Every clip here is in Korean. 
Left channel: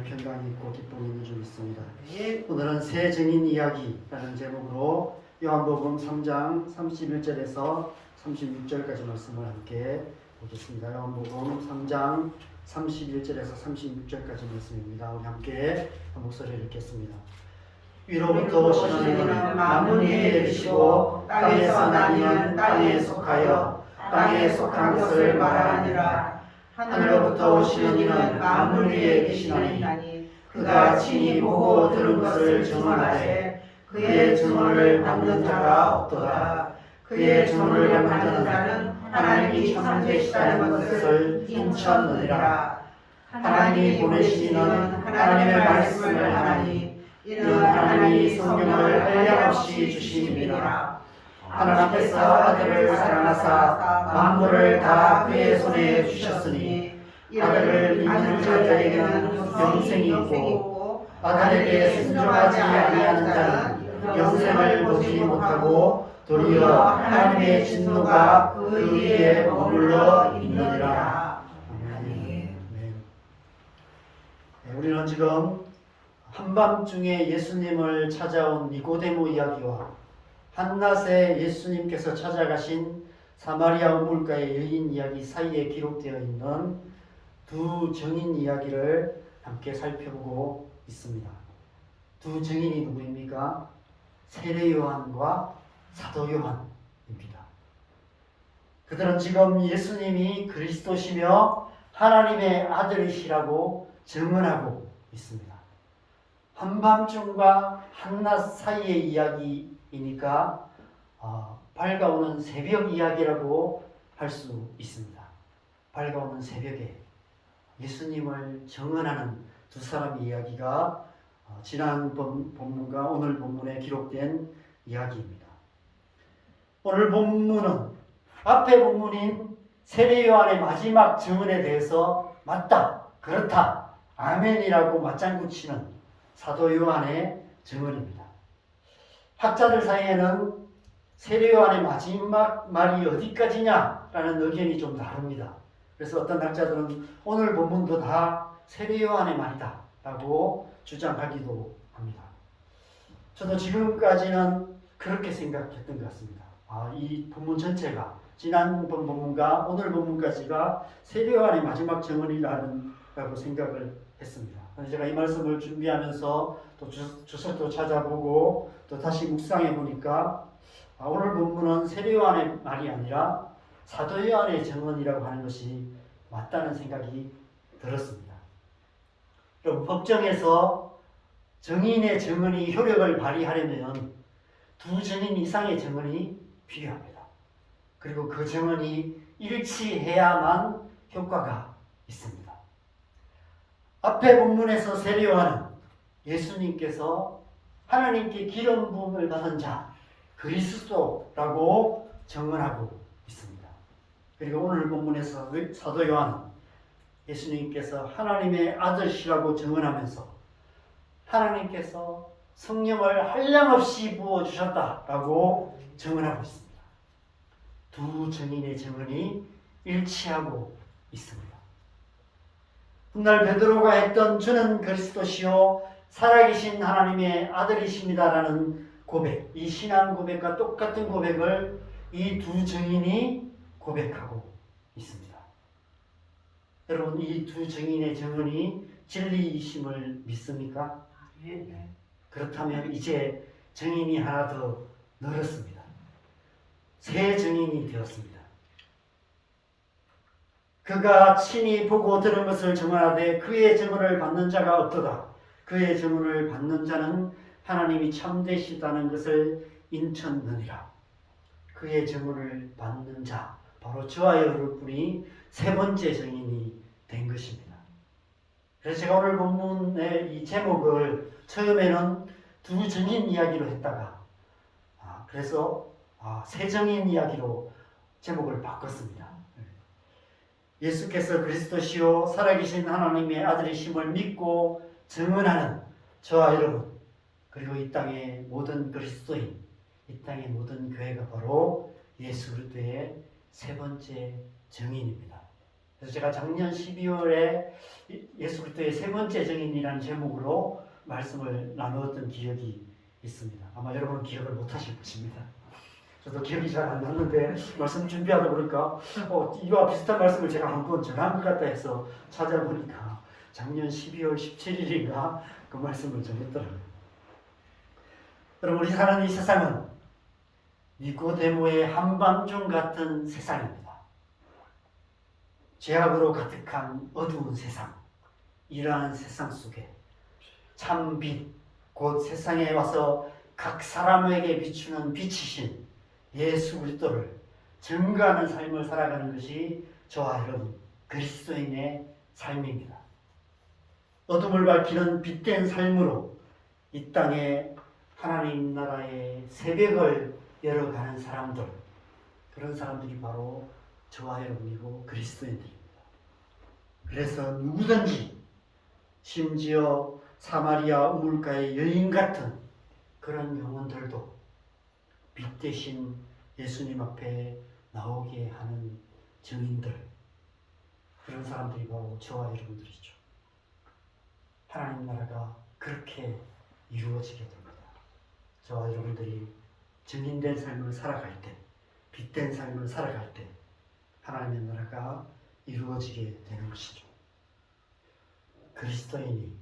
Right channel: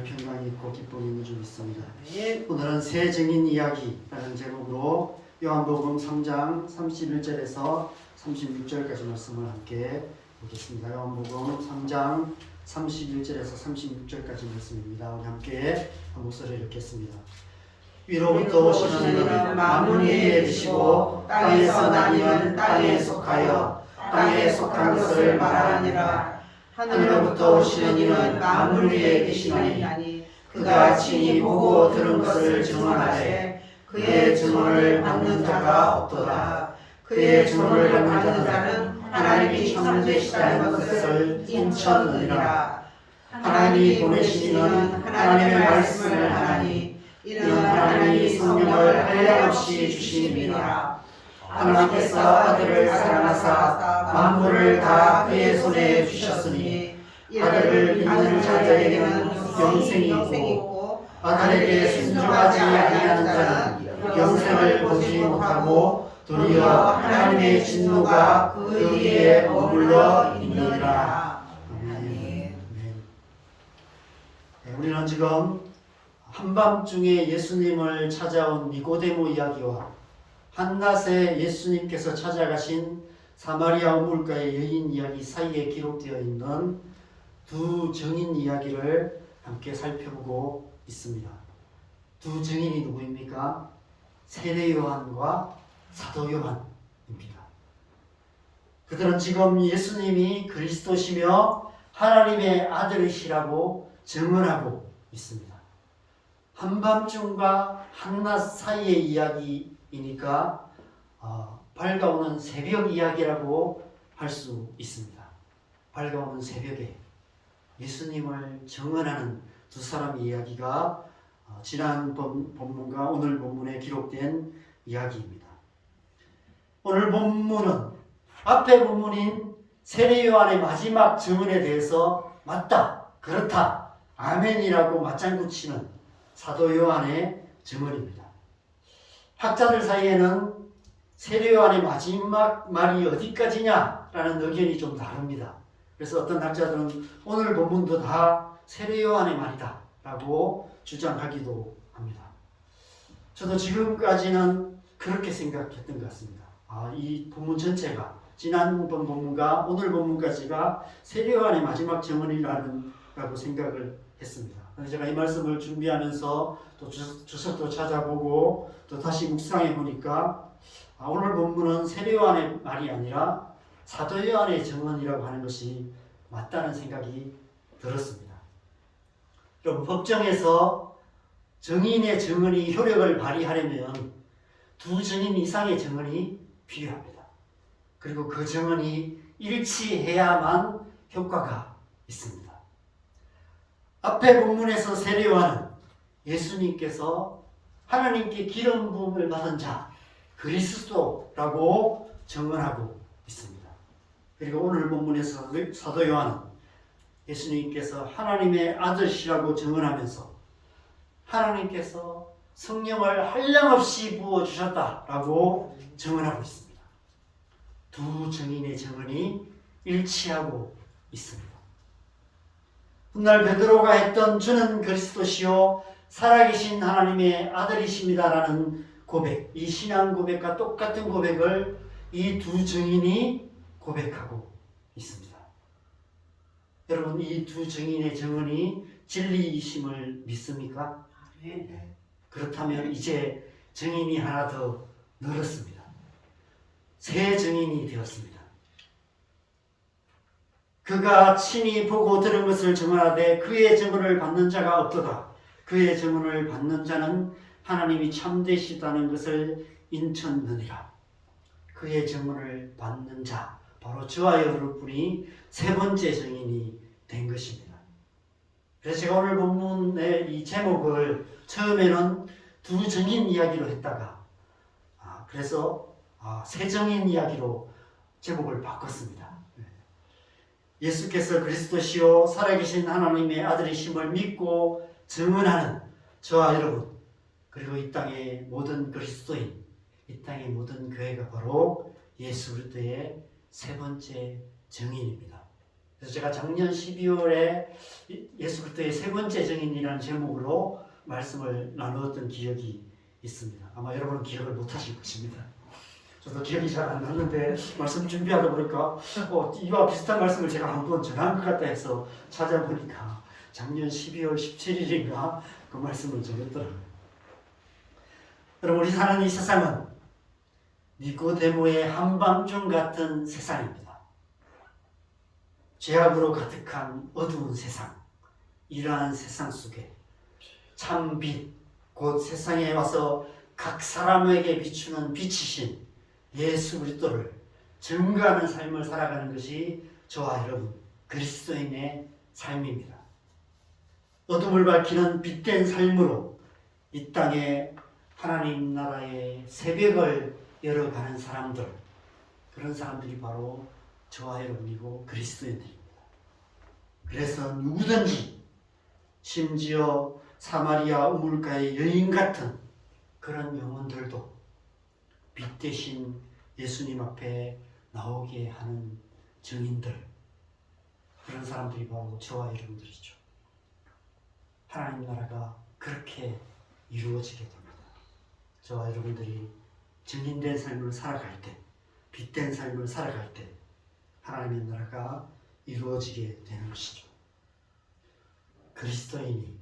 안에 평강이 있고 기쁨이 있는 줄 믿습니다. 예. 오늘은 새 증인 이야기라는 제목으로 요한복음 3장 31절에서 36절까지 말씀을 함께 보겠습니다. 요한복음 3장 31절에서 36절까지 말씀입니다. 우리 함께 한 목소리를 읽겠습니다. 위로부터 오시는 이는 만물 위에 계시고 땅에서 나니는 땅에 속하여 땅에 속한 것을 말하느니라. 하늘로부터 오시는 이는 만물 위에 계시나니 그가 친히 보고 들은 것을 증언하되 그의 증언을 받는 자가 없도다. 그의 증언을 받는 자는 하나님이 참되시다는 것을 인천느니라. 하나님이 보내신 이는 하나님의 말씀을 하나니 이는 하나님이 성령을 한량없이 주심이니라. 하나님께서 아들을 사랑하사 만물을 다 그의 손에 주셨으니 아들을 믿는 자들에게는 영생이 있고 아들에게 순종하지 아니하는 자는 영생을 보지 못하고 도리어 하나님의 진노가 그 위에 머물러 있느니라. 아멘. 네, 우리는 지금 한밤중에 예수님을 찾아온 니고데모 이야기와 한낮에 예수님께서 찾아가신 사마리아 우물가의 여인 이야기 사이에 기록되어 있는 두 증인 이야기를 함께 살펴보고 있습니다. 두 증인이 누구입니까? 세례 요한과 사도 요한입니다. 그들은 지금 예수님이 그리스도시며 하나님의 아들이시라고 증언하고 있습니다. 한밤중과 한낮 사이의 이야기이니까 밝아오는 새벽 이야기라고 할 수 있습니다. 밝아오는 새벽에 예수님을 증언하는 두 사람의 이야기가 지난 본문과 오늘 본문에 기록된 이야기입니다. 오늘 본문은 앞에 본문인 세례 요한의 마지막 증언에 대해서 맞다, 그렇다, 아멘이라고 맞장구 치는 사도 요한의 증언입니다. 학자들 사이에는 세례 요한의 마지막 말이 어디까지냐라는 의견이 좀 다릅니다. 그래서 어떤 학자들은 오늘 본문도 다 세례 요한의 말이다 라고 주장하기도 합니다. 저도 지금까지는 그렇게 생각했던 것 같습니다. 이 본문 전체가 지난 본문과 오늘 본문까지가 세례 요한의 마지막 증언이라고 생각을 했습니다. 제가 이 말씀을 준비하면서 또 주석도 찾아보고 또 다시 묵상해 보니까 오늘 본문은 세례 요한의 말이 아니라 사도 요한의 증언이라고 하는 것이 맞다는 생각이 들었습니다. 여러분, 법정에서 증인의 증언이 효력을 발휘하려면 두 증인 이상의 증언이 필요합니다. 그리고 그 증언이 일치해야만 효과가 있습니다. 앞에 본문에서 세례 요한은 예수님께서 하나님께 기름 부음을 받은 자 그리스도라고 증언하고 있습니다. 그리고 오늘 본문에서 사도 요한은 예수님께서 하나님의 아들이라고 증언하면서 하나님께서 성령을 한량없이 부어주셨다라고 증언하고 있습니다. 두 증인의 증언이 일치하고 있습니다. 훗날 베드로가 했던 주는 그리스도시요 살아계신 하나님의 아들이십니다라는 고백, 이 신앙 고백과 똑같은 고백을 이 두 증인이 고백하고 있습니다. 여러분, 이 두 증인의 증언이 진리이심을 믿습니까? 그렇다면 이제 증인이 하나 더 늘었습니다. 새 증인이 되었습니다. 그가 친히 보고 들은 것을 증언하되 그의 증언을 받는 자가 없도다. 그의 증언을 받는 자는 하나님이 참되시다는 것을 인천느니라. 그의 증언을 받는 자, 바로 저와 여러분이 세 번째 증인이 된 것입니다. 그래서 제가 오늘 본문의 이 제목을 처음에는 두 증인 이야기로 했다가 그래서 세 증인 이야기로 제목을 바꿨습니다. 예수께서 그리스도시요 살아계신 하나님의 아들이심을 믿고 증언하는 저와 여러분, 그리고 이 땅의 모든 그리스도인, 이 땅의 모든 교회가 바로 예수 그리스도의 세 번째 증인입니다. 그래서 제가 작년 12월에 예수 그리스도의 세 번째 증인이라는 제목으로 말씀을 나누었던 기억이 있습니다. 아마 여러분은 기억을 못 하실 것입니다. 저도 기억이 잘 안 났는데 말씀 준비하다 보니까 이와 비슷한 말씀을 제가 한번 전한 것 같다 해서 찾아보니까 작년 12월 17일인가 그 말씀을 전했더라고요. 여러분, 우리 사는 이 세상은 니고데모의 한밤중 같은 세상입니다. 죄악으로 가득한 어두운 세상, 이러한 세상 속에 참 빛, 곧 세상에 와서 각 사람에게 비추는 빛이신 예수 그리스도를 증거하는 삶을 살아가는 것이 저와 여러분 그리스도인의 삶입니다. 어둠을 밝히는 빛된 삶으로 이 땅에 하나님 나라의 새벽을 열어가는 사람들, 그런 사람들이 바로 저와 여러분이고 그리스도인들입니다. 그래서 누구든지, 심지어 사마리아 우물가의 여인 같은 그런 영혼들도 빛 대신 예수님 앞에 나오게 하는 증인들, 그런 사람들이 바로 저와 여러분들이죠. 하나님 나라가 그렇게 이루어지게 됩니다. 저와 여러분들이 증인된 삶을 살아갈 때, 빛된 삶을 살아갈 때 하나님의 나라가 이루어지게 되는 것이죠. 그리스도인이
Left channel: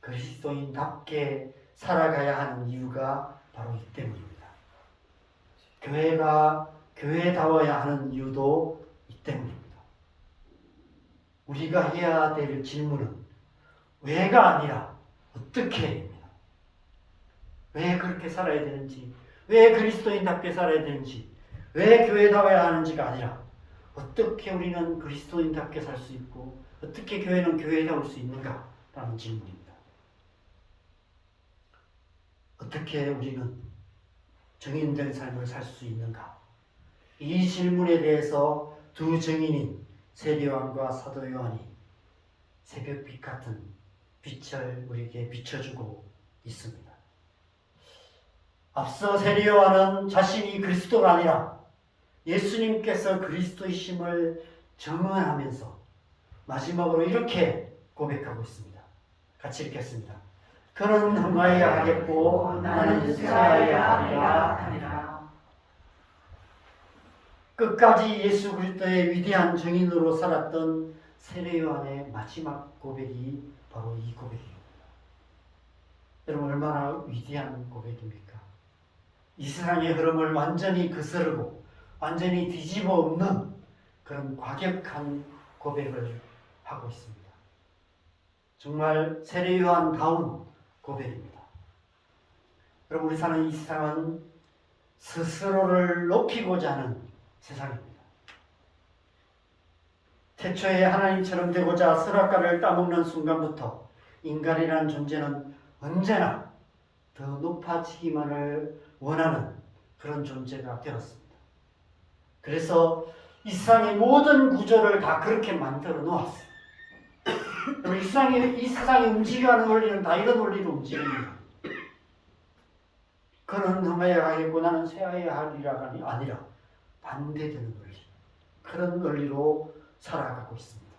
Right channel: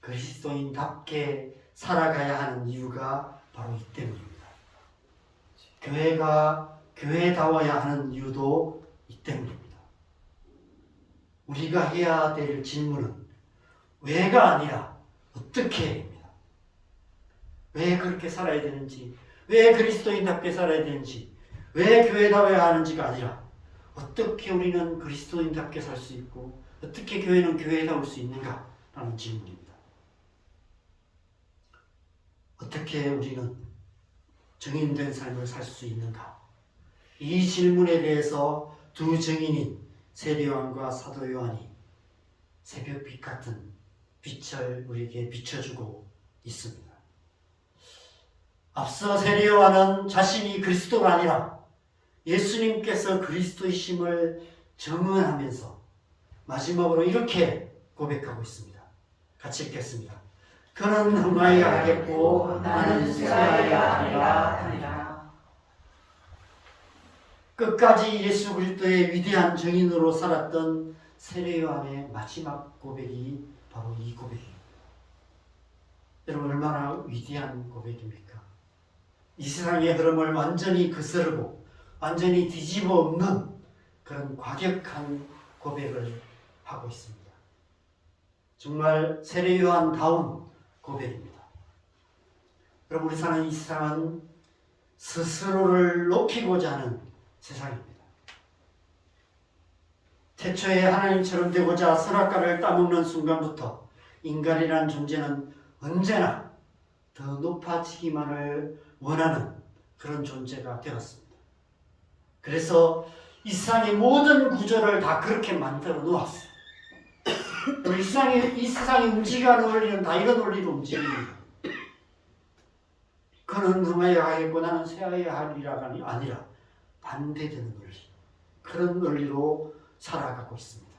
그리스도인답게 살아가야 하는 이유가 바로 이 때문입니다. 교회가 교회다워야 하는 이유도 이 때문입니다. 우리가 해야 될 질문은 왜가 아니라 어떻게입니다. 왜 그렇게 살아야 되는지, 왜 그리스도인답게 살아야 되는지, 왜 교회다워야 하는지가 아니라 어떻게 우리는 그리스도인답게 살 수 있고 어떻게 교회는 교회다울 수 있는가라는 질문입니다. 어떻게 우리는 증인된 삶을 살 수 있는가? 이 질문에 대해서 두 증인인 세례요한과 사도 요한이 새벽빛 같은 빛을 우리에게 비춰주고 있습니다. 앞서 세례요한은 자신이 그리스도가 아니라 예수님께서 그리스도이심을 증언하면서 마지막으로 이렇게 고백하고 있습니다. 같이 읽겠습니다. 그는 흥하여야 하겠고 나는 쇠하여야 하리라. 끝까지 예수 그리스도의 위대한 증인으로 살았던 세례요한의 마지막 고백이 바로 이 고백입니다. 여러분, 얼마나 위대한 고백입니까? 이 세상의 흐름을 완전히 거스르고 완전히 뒤집어 엎는 그런 과격한 고백을 하고 있습니다. 정말 세례요한다운 고백입니다. 여러분, 우리 사는 이 세상은 스스로를 높이고자 하는 세상입니다. 태초에 하나님처럼 되고자 선악과를 따먹는 순간부터 인간이라는 존재는 언제나 더 높아지기만을 원하는 그런 존재가 되었습니다. 그래서 이 세상의 모든 구조를 다 그렇게 만들어 놓았어요. 이 세상이 움직이는 원리는 다 이런 원리로 움직입니다. 그는 흥하여야 하겠고 나는 쇠하여야 하리라가 아니라 반대되는 원리, 그런 원리로 살아가고 있습니다.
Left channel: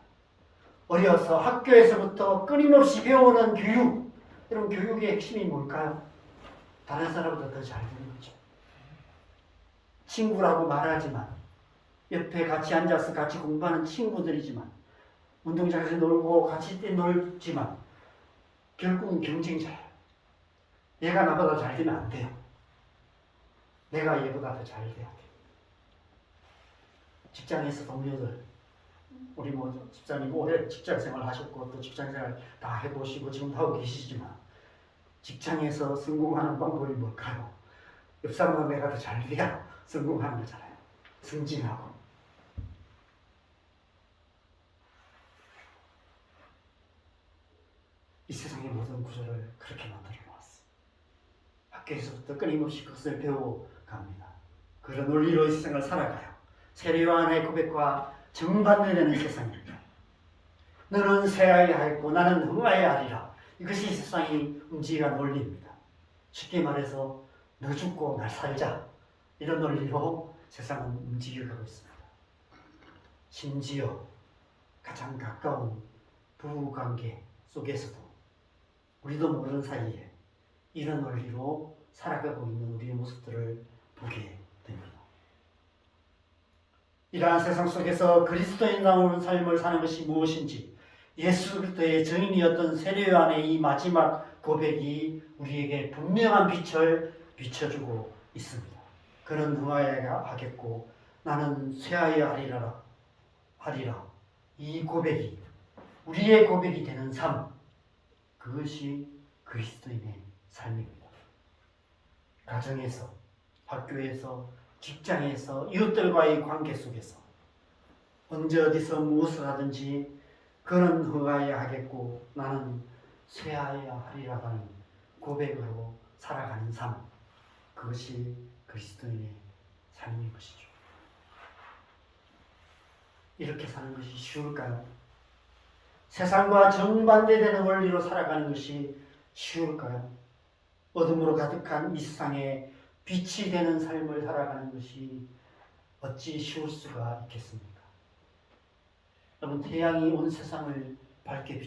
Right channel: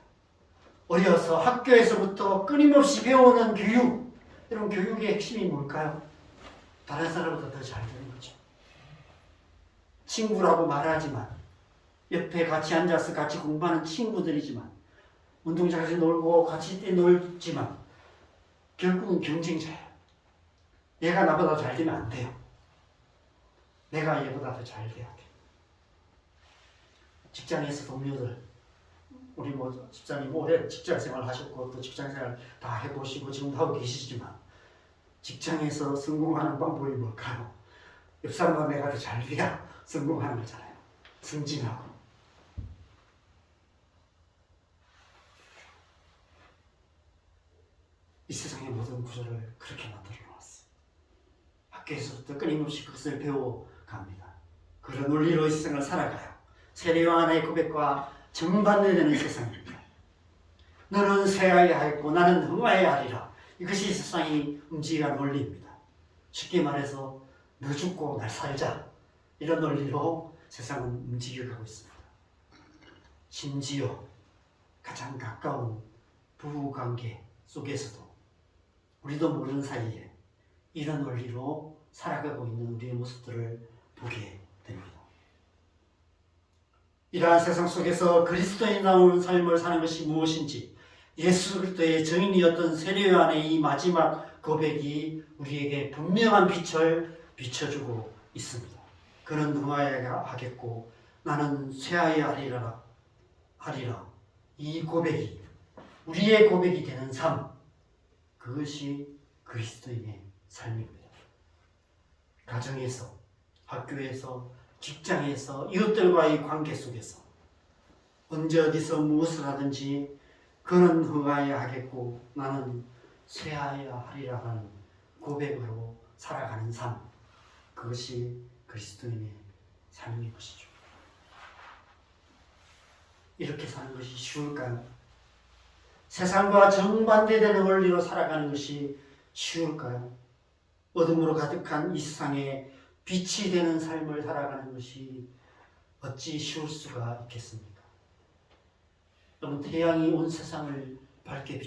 어려서 학교에서부터 끊임없이 배우는 교육, 여러분, 교육의 핵심이 뭘까요? 다른 사람보다 더 잘 되는 거죠. 친구라고 말하지만 옆에 같이 앉아서 같이 공부하는 친구들이지만 운동장에서 놀고 같이 놀지만 결국은 경쟁자예요. 얘가 나보다 잘 되면 안 돼요. 내가 얘보다 더 잘 돼야 돼요. 직장에서 동료들, 우리 집사님 오래 직장생활 하셨고 또 직장생활 다 해보시고 지금도 하고 계시지만 직장에서 성공하는 방법이 뭘까요? 옆 사람보다 내가 더 잘 돼야 성공하는 거잖아요. 승진하고. 이 세상의 모든 구조를 그렇게 만들어 놓았어요. 학교에서부터 끊임없이 그것을 배워갑니다. 그런 원리로 이 세상을 살아가요. 세례요한의 고백과 정반대되는 세상입니다. 너는 쇠하여야 하겠고 나는 흥하여야 하리라. 이것이 세상이 움직이는 원리입니다. 쉽게 말해서 너 죽고 날 살자, 이런 원리로 세상은 움직여가고 있습니다. 심지어 가장 가까운 부부관계 속에서도 우리도 모르는 사이에 이런 원리로 살아가고 있는 우리의 모습들을 보게 됩니다. 이러한 세상 속에서 그리스도인다운 삶을 사는 것이 무엇인지 예수 그리스도의 증인이었던 세례 요한의 이 마지막 고백이 우리에게 분명한 빛을 비춰주고 있습니다. 그는 응하여야 하겠고 나는 쇠하여야 하리라. 이 고백이 우리의 고백이 되는 삶, 그것이 그리스도인의 삶입니다. 가정에서, 학교에서, 직장에서, 이웃들과의 관계 속에서 언제 어디서 무엇을 하든지 그는 흥하여야 하겠고 나는 쇠하여야 하리라라는 고백으로 살아가는 삶, 그것이 그리스도인의 삶인 것이죠. 이렇게 사는 것이 쉬울까요? 세상과 정반대되는 원리로 살아가는 것이 쉬울까요? 어둠으로 가득한 이 세상에 빛이 되는 삶을 살아가는 것이 어찌 쉬울 수가 있겠습니까? 여러분, 태양이 온 세상을 밝게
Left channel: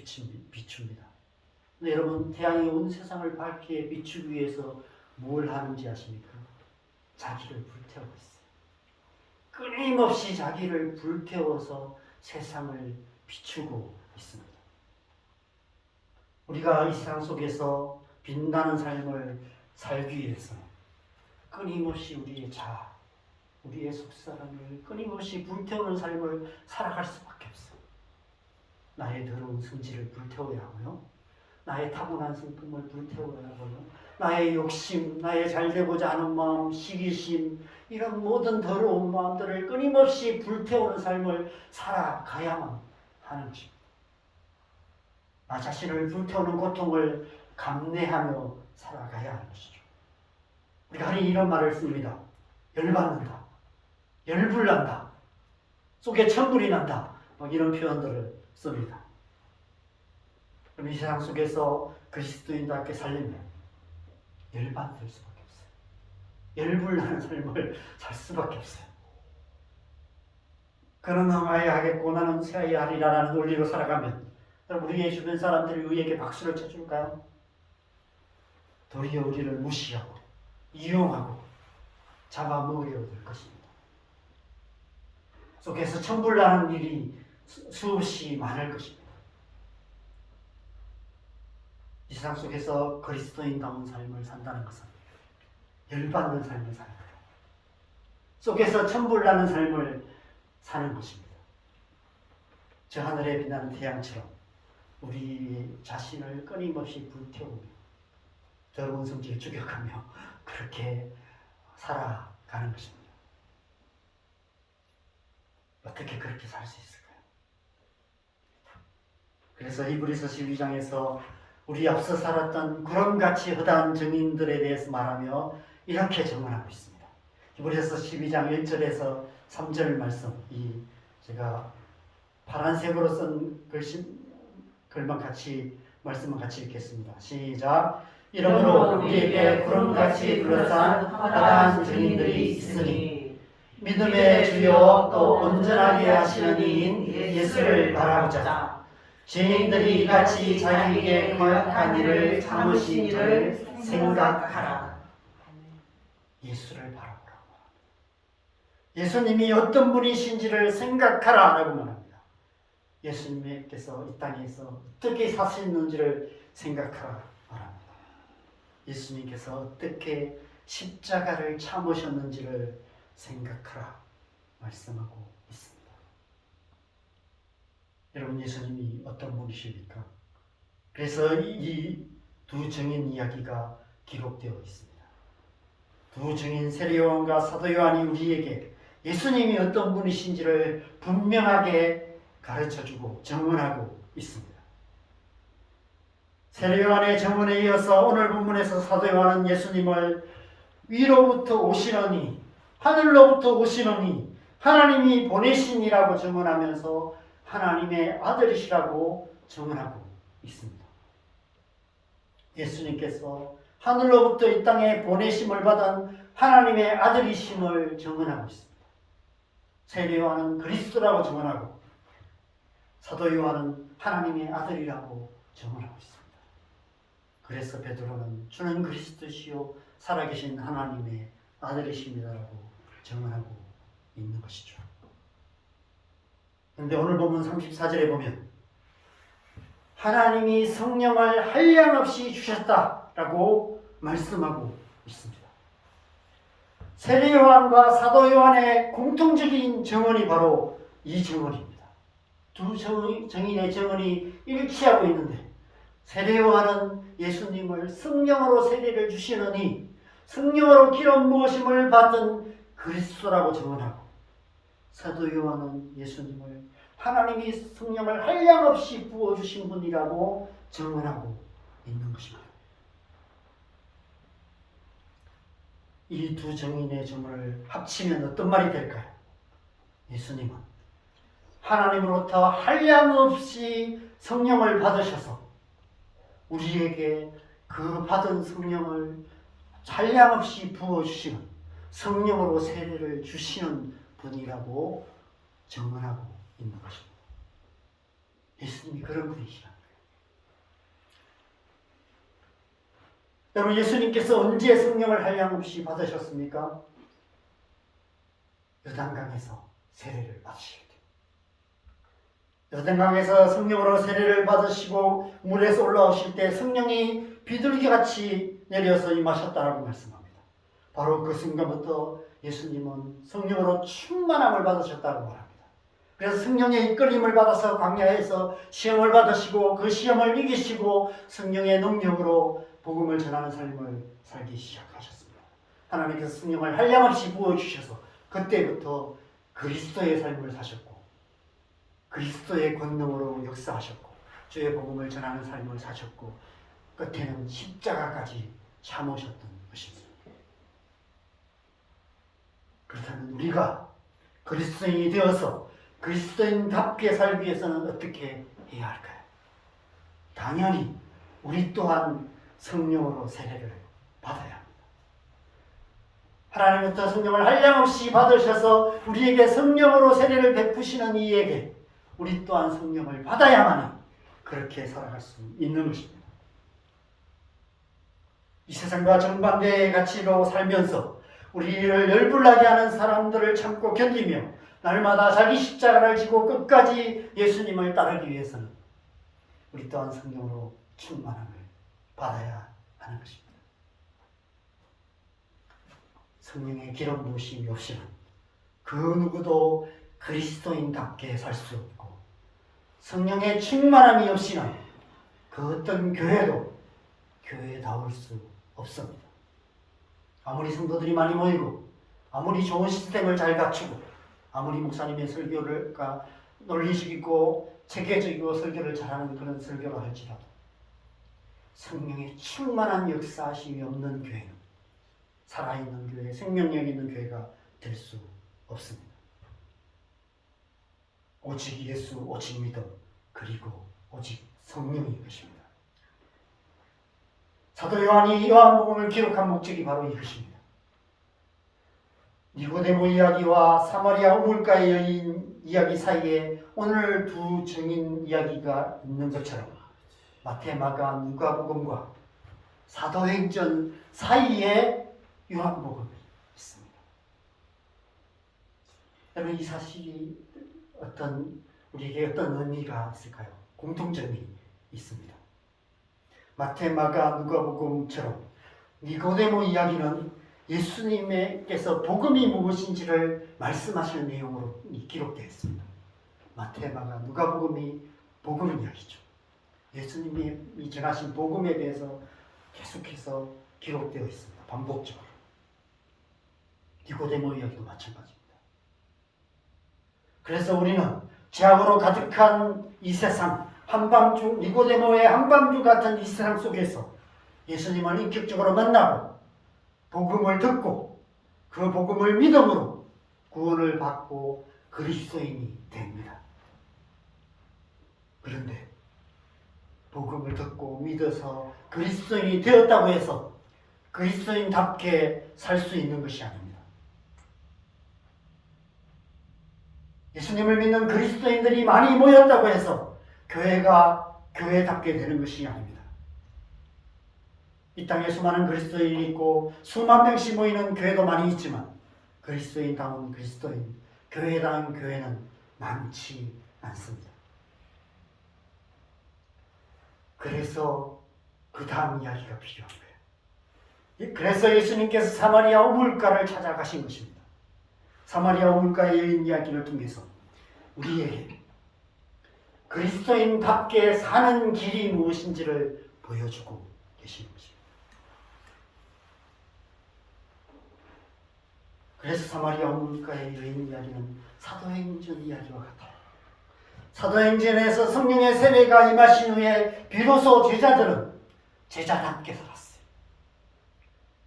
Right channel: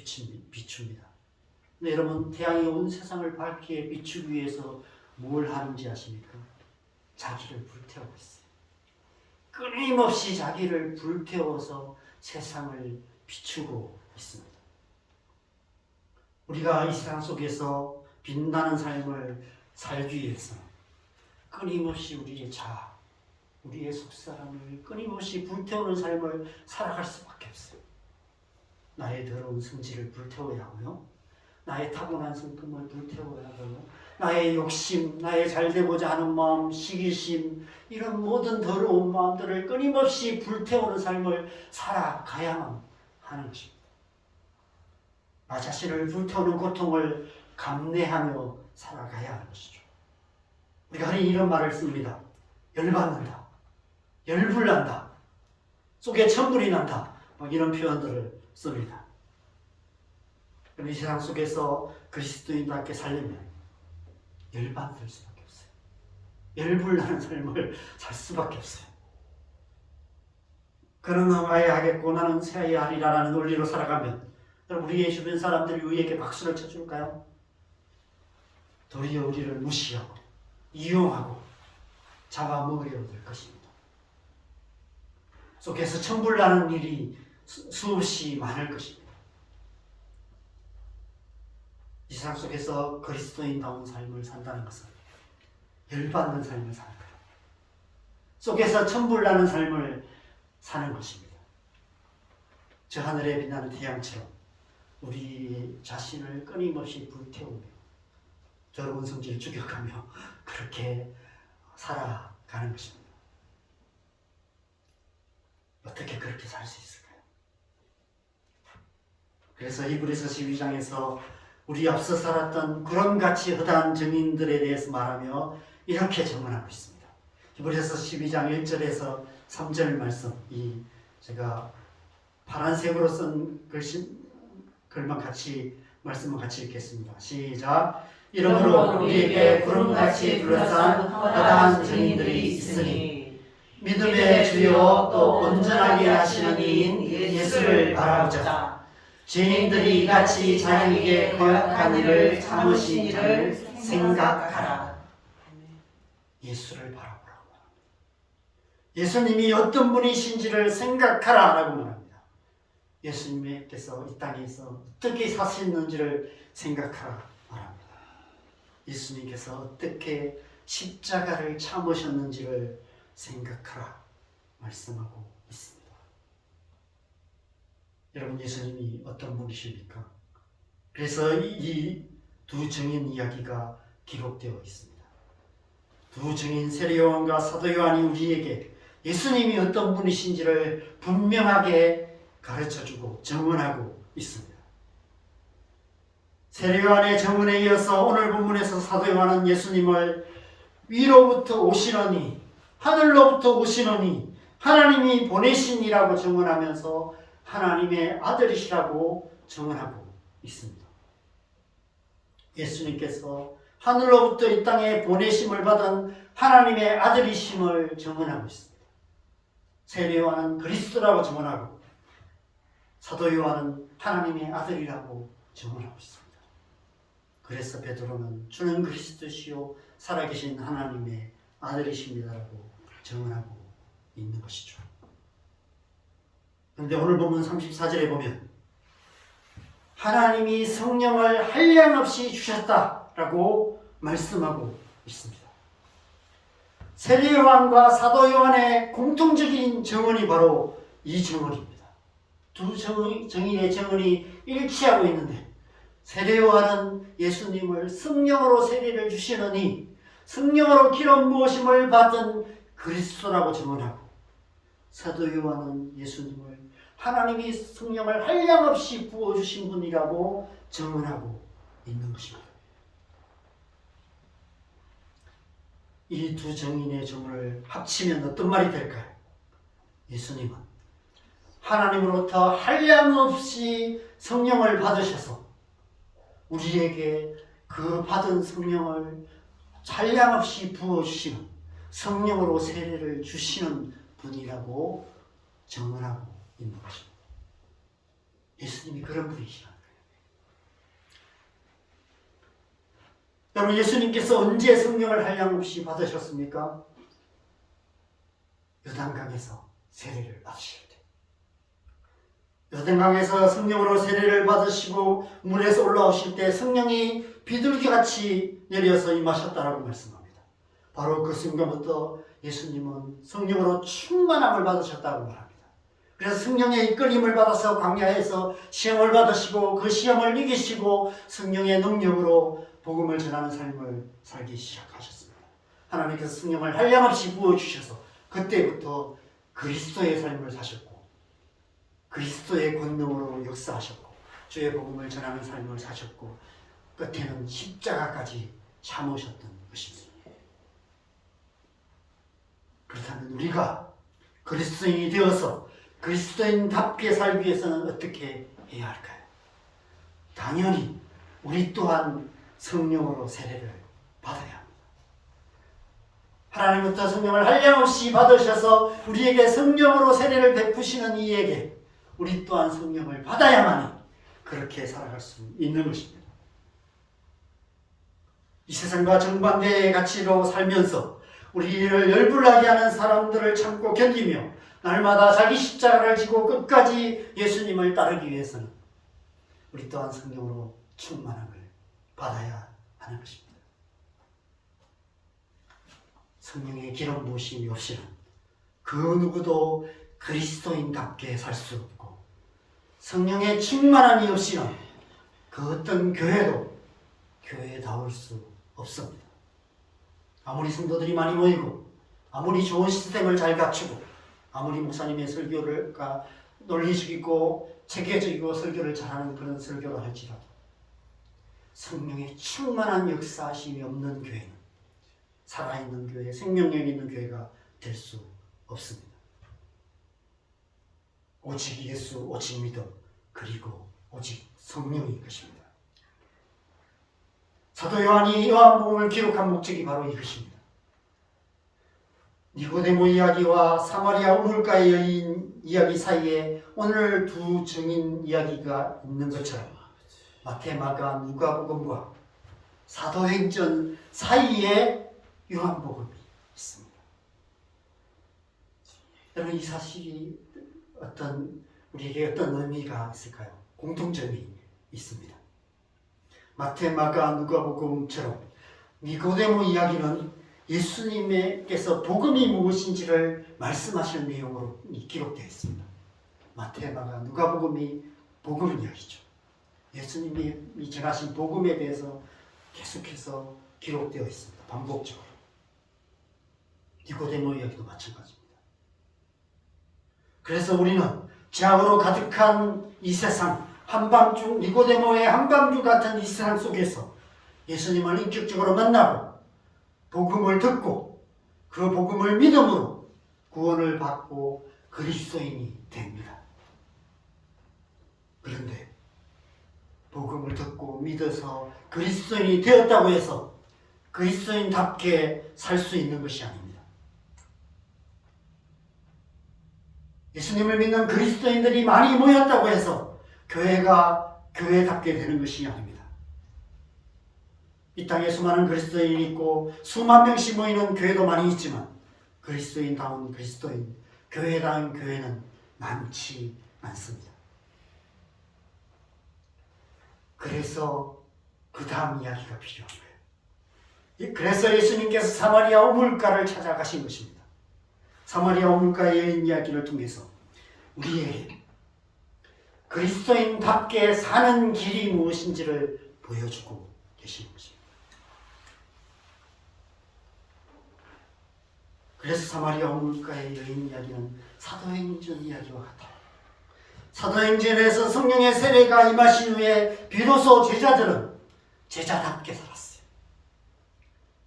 비춥니다. 근데 여러분, 태양이 온 세상을 밝게 비추기 위해서 뭘 하는지 아십니까? 자기를 불태우고 있어요. 끊임없이 자기를 불태워서 세상을 비추고 있습니다. 우리가 이 세상 속에서 빛나는 삶을 살기 위해서는 끊임없이 우리의 자아, 우리의 속사람을 끊임없이 불태우는 삶을 살아갈 수밖에 없어요. 나의 더러운 성질을 불태워야 하고요. 나의 타고난 성품을 불태워야 하고요. 나의 욕심, 나의 잘되고자 하는 마음, 시기심, 이런 모든 더러운 마음들을 끊임없이 불태우는 삶을 살아가야만 하는 것입니다. 나 자신을 불태우는 고통을 감내하며 살아가야 하는 것이죠. 우리가 흔히 이런 말을 씁니다. 열받는다. 열불난다. 속에 천불이 난다. 이런 표현들을 씁니다. 이 세상 속에서 그리스도인답게 살려면 열받을 수밖에 없어요. 열불나는 삶을 살 수밖에 없어요. 그는 흥하여야 하겠고 나는 쇠하여야 하리라라는 논리로 살아가면 우리의 주변 사람들이 우리에게 박수를 쳐줄까요? 도리어 우리를 무시하고 이용하고 잡아먹으려고 될 것입니다. 속에서 천불나는 일이 수없이 많을 것입니다. 이 세상 속에서 그리스도인다운 삶을 산다는 것은 열받는 삶을 사는 거예요. 속에서 천불나는 삶을 사는 것입니다. 저 하늘에 빛나는 태양처럼 우리 자신을 끊임없이 불태우며 더러운 성질을 죽여가며 그렇게 살아가는 것입니다. 어떻게 그렇게 살 수 있을까요? 그래서 히브리서 12장에서 우리 앞서 살았던 구름같이 허다한 증인들에 대해서 말하며 이렇게 증언하고 있습니다. 히브리서 12장 1절에서 3절 말씀, 제가 파란색으로 쓴 글만 같이 말씀을 같이 읽겠습니다. 시작. 이러므로 우리에게 구름같이 둘러싼 허다한 증인들이 있으니 믿음의 주요 또 온전하게 하시는 이인 예수를 바라보자. 죄인들이 이같이 자기에게 고역한 일을 참으신 일을 생각하라. 예수를 바라보라고 말합니다. 예수님이 어떤 분이신지를 생각하라라고 말합니다. 예수님께서 이 땅에서 어떻게 사셨는지를 생각하라 말합니다. 예수님께서 어떻게 십자가를 참으셨는지를 생각하라 말씀하고 있습니다. 여러분, 예수님이 어떤 분이십니까? 그래서 이 두 증인 이야기가 기록되어 있습니다. 두 증인 세례 요한과 사도 요한이 우리에게 예수님이 어떤 분이신지를 분명하게 가르쳐주고 증언하고 있습니다. 세례 요한의 증언에 이어서 오늘 본문에서 사도 요한은 예수님을 위로부터 오시노니 하늘로부터 오시노니 하나님이 보내신이라고 증언하면서 하나님의 아들이시라고 증언하고 있습니다. 예수님께서 하늘로부터 이 땅에 보내심을 받은 하나님의 아들이심을 증언하고 있습니다. 세례 요한은 그리스도라고 증언하고 사도 요한은 하나님의 아들이라고 증언하고 있습니다. 그래서 베드로는 주는 그리스도시요 살아계신 하나님의 아들이십니다라고 증언하고 있는 것이죠. 그런데 오늘 본문 34절에 보면 하나님이 성령을 한량없이 주셨다라고 말씀하고 있습니다. 세례 요한과 사도 요한의 공통적인 증언이 바로 이 증언입니다. 두 증인의 증언이 일치하고 있는데 세례 요한은 예수님을 성령으로 세례를 주시느니 성령으로 기름 부으심을 받은 그리스도라고 증언하고, 사도 요한은 예수님을 하나님이 성령을 한량없이 부어주신 분이라고 증언하고 있는 것입니다. 이 두 증인의 증언을 합치면 어떤 말이 될까요? 예수님은 하나님으로부터 한량없이 성령을 받으셔서 우리에게 그 받은 성령을 한량없이 부어주시는, 성령으로 세례를 주시는 분이라고 증언하고 있는 것입니다. 예수님이 그런 분이시라는 거예요. 여러분, 예수님께서 언제 성령을 한량없이 받으셨습니까? 요단강에서 세례를 받으실 때. 요단강에서 성령으로 세례를 받으시고 물에서 올라오실 때 성령이 비둘기같이 내려서 임하셨다라고 말씀합니다. 바로 그 순간부터 예수님은 성령으로 충만함을 받으셨다고 말합니다. 그래서 성령의 이끌림을 받아서 광야에서 시험을 받으시고 그 시험을 이기시고 성령의 능력으로 복음을 전하는 삶을 살기 시작하셨습니다. 하나님께서 성령을 한량없이 부어주셔서 그때부터 그리스도의 삶을 사셨고 그리스도의 권능으로 역사하셨고 주의 복음을 전하는 삶을 사셨고 끝에는 십자가까지 참으셨던 것입니다. 그렇다면 우리가 그리스도인이 되어서 그리스도인답게 살기 위해서는 어떻게 해야 할까요? 당연히 우리 또한 성령으로 세례를 받아야 합니다. 하나님부터 성령을 한량없이 받으셔서 우리에게 성령으로 세례를 베푸시는 이에게 우리 또한 성령을 받아야만이 그렇게 살아갈 수 있는 것입니다. 이 세상과 정반대의 가치로 살면서 우리를 열불나게 하는 사람들을 참고 견디며 날마다 자기 십자가를 지고 끝까지 예수님을 따르기 위해서는 우리 또한 성령으로 충만함을 받아야 하는 것입니다. 성령의 기름 부으심이 없이는 그 누구도 그리스도인답게 살 수 없고 성령의 충만함이 없이는 그 어떤 교회도 교회다울 수 없습니다. 아무리 성도들이 많이 모이고 아무리 좋은 시스템을 잘 갖추고 아무리 목사님의 설교가 논리적이고 체계적이고 설교를 잘하는 그런 설교를 할지라도 성령의 충만한 역사하심이 없는 교회는 살아있는 교회, 생명력 있는 교회가 될 수 없습니다. 오직 예수, 오직 믿음, 그리고 오직 성령인 것입니다. 사도 요한이 요한복음을 기록한 목적이 바로 이것입니다. 니고데모 이야기와 사마리아 우물가의 여인 이야기 사이에 오늘 두 증인 이야기가 있는 것처럼 마태, 마가, 누가복음과 사도행전 사이에 요한복음이 있습니다. 여러분, 이 사실이 우리에게 어떤 의미가 있을까요? 공통점이 있습니다. 마태, 마가, 누가복음처럼 니고데모 이야기는 예수님께서 복음이 무엇인지를 말씀하시는 내용으로 기록되어 있습니다. 마태, 마가, 누가복음이 복음 이야기죠. 예수님이 전하신 복음에 대해서 계속해서 기록되어 있습니다. 반복적으로. 니고데모 이야기도 마찬가지입니다. 그래서 우리는 죄악으로 가득한 이 세상, 한밤중, 니고데모의 한밤중 같은 이 세상 속에서 예수님을 인격적으로 만나고 복음을 듣고 그 복음을 믿음으로 구원을 받고 그리스도인이 됩니다. 그런데 복음을 듣고 믿어서 그리스도인이 되었다고 해서 그리스도인답게 살 수 있는 것이 아닙니다. 예수님을 믿는 그리스도인들이 많이 모였다고 해서 교회가 교회답게 되는 것이 아닙니다. 이 땅에 수많은 그리스도인이 있고 수만 명씩 모이는 교회도 많이 있지만 그리스도인다운 그리스도인, 교회다운 교회는 많지 않습니다. 그래서 그 다음 이야기가 필요한 거예요. 그래서 예수님께서 사마리아 우물가를 찾아가신 것입니다. 사마리아 우물가의 여인 이야기를 통해서 우리에게 그리스도인답게 사는 길이 무엇인지를 보여주고 계시는 것입니다. 그래서 사마리아 우물가의 여인 이야기는 사도행전 이야기와 같아요. 사도행전에서 성령의 세례가 임하신 후에 비로소 제자들은 제자답게 살았어요.